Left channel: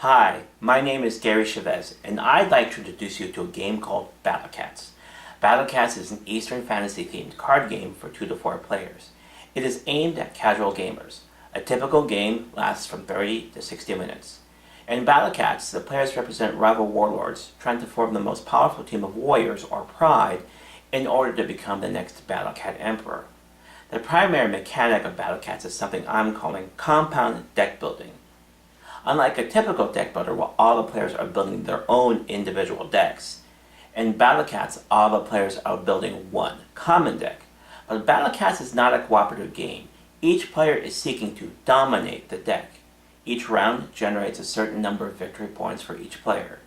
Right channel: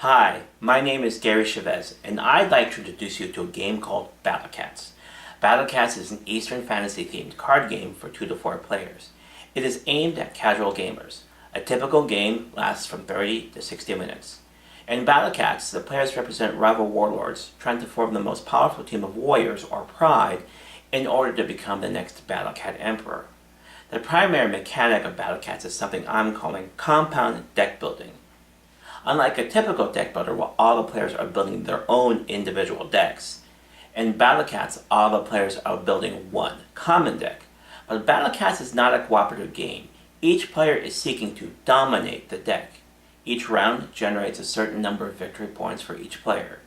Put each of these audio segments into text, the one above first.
Hi, my name is Gary Chavez, and I'd like to introduce you to a game called Battle Cats. Battle Cats is an Eastern fantasy themed card game for 2 to 4 players. It is aimed at casual gamers. A typical game lasts from 30 to 60 minutes. In Battle Cats, the players represent rival warlords trying to form the most powerful team of warriors or pride in order to become the next Battle Cat Emperor. The primary mechanic of Battle Cats is something I'm calling compound deck building. Unlike a typical deck builder where all the players are building their own individual decks, in Battle Cats all the players are building one common deck. But Battle Cats is not a cooperative game. Each player is seeking to dominate the deck. Each round generates a certain number of victory points for each player.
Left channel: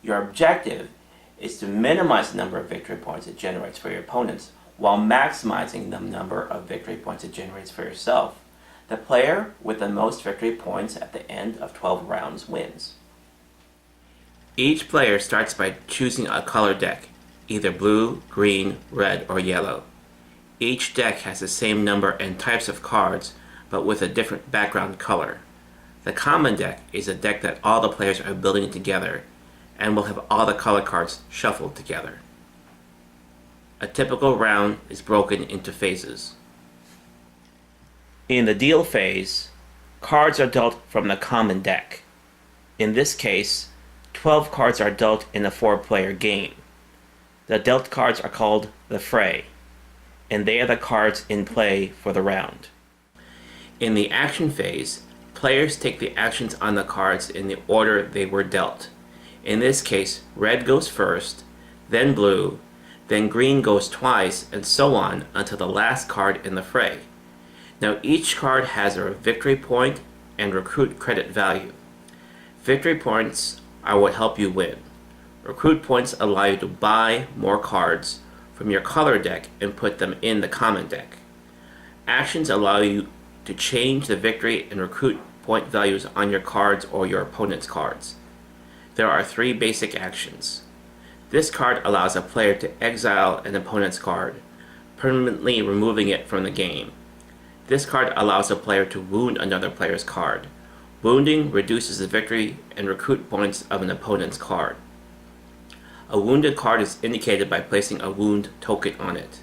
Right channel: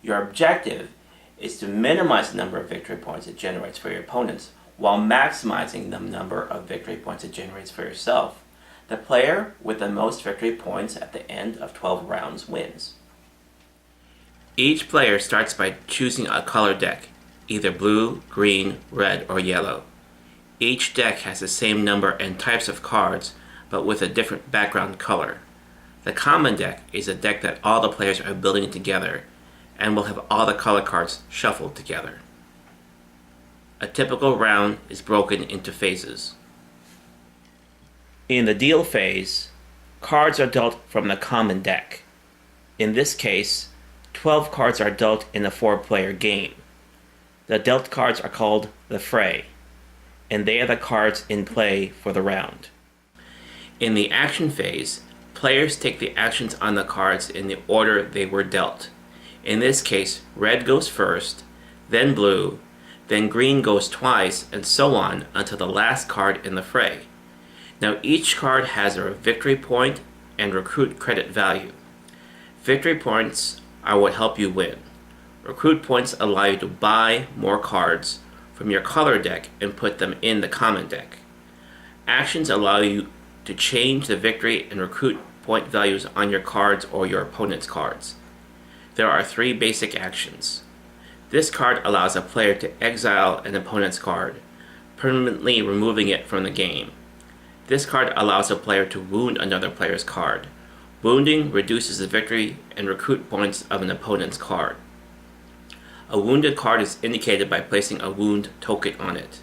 Your objective is to minimize the number of victory points it generates for your opponents while maximizing the number of victory points it generates for yourself. The player with the most victory points at the end of 12 rounds wins. Each player starts by choosing a color deck, either blue, green, red, or yellow. Each deck has the same number and types of cards, but with a different background color. The common deck is a deck that all the players are building together and will have all the color cards shuffled together. A typical round is broken into phases. In the deal phase, cards are dealt from the common deck. In this case, 12 cards are dealt in a 4-player game. The dealt cards are called the fray, and they are the cards in play for the round. In the action phase, players take the actions on the cards in the order they were dealt. In this case, red goes first, then blue, then green goes twice, and so on until the last card in the fray. Now each card has a victory point and recruit credit value. Victory points are what help you win. Recruit points allow you to buy more cards from your color deck and put them in the common deck. Actions allow you to change the victory and recruit point values on your cards or your opponent's cards. There are 3 basic actions. This card allows a player to exile an opponent's card, permanently removing it from the game. This card allows a player to wound another player's card. Wounding reduces the victory and recruit points of an opponent's card. A wounded card is indicated by placing a wound token on it.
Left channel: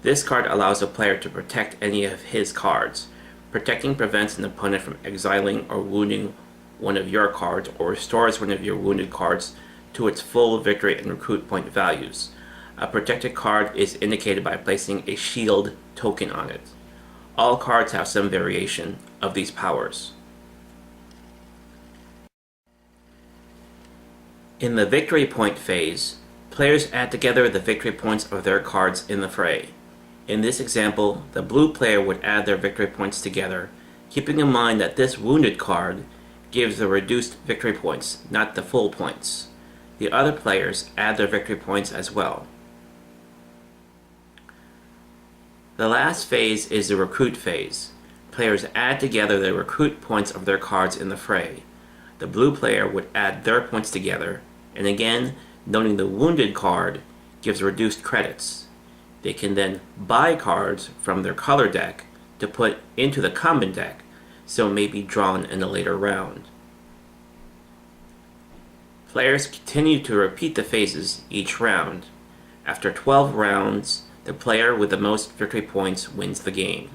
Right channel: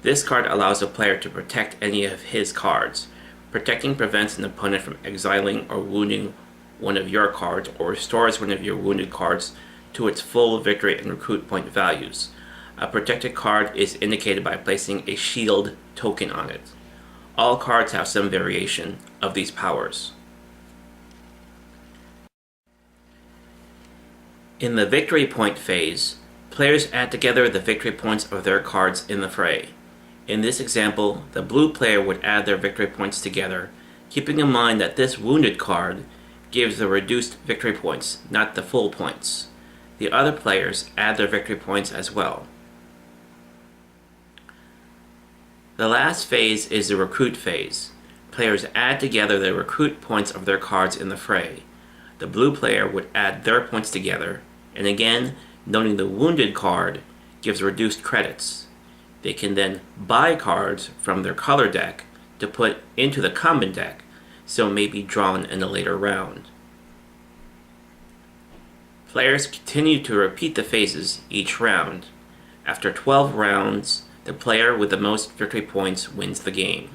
This card allows a player to protect any of his cards. Protecting prevents an opponent from exiling or wounding one of your cards or restores one of your wounded cards to its full victory and recruit point values. A protected card is indicated by placing a shield token on it. All cards have some variation of these powers. In the victory point phase, players add together the victory points of their cards in the fray. In this example, the blue player would add their victory points together, keeping in mind that this wounded card gives the reduced victory points, not the full points. The other players add their victory points as well. The last phase is the recruit phase. Players add together the recruit points of their cards in the fray. The blue player would add their points together, and again, noting the wounded card gives reduced credits. They can then buy cards from their color deck to put into the common deck, so it may be drawn in a later round. Players continue to repeat the phases each round. After 12 rounds, the player with the most victory points wins the game.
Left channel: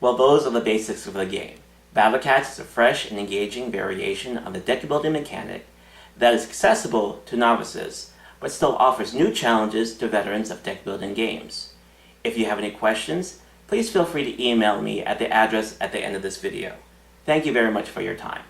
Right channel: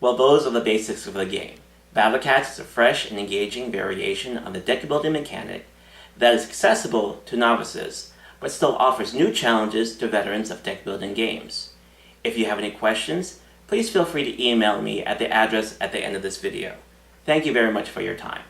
Well, those are the basics of the game. Battle Cats is a fresh and engaging variation on the deck building mechanic that is accessible to novices, but still offers new challenges to veterans of deck building games. If you have any questions, please feel free to email me at the address at the end of this video. Thank you very much for your time.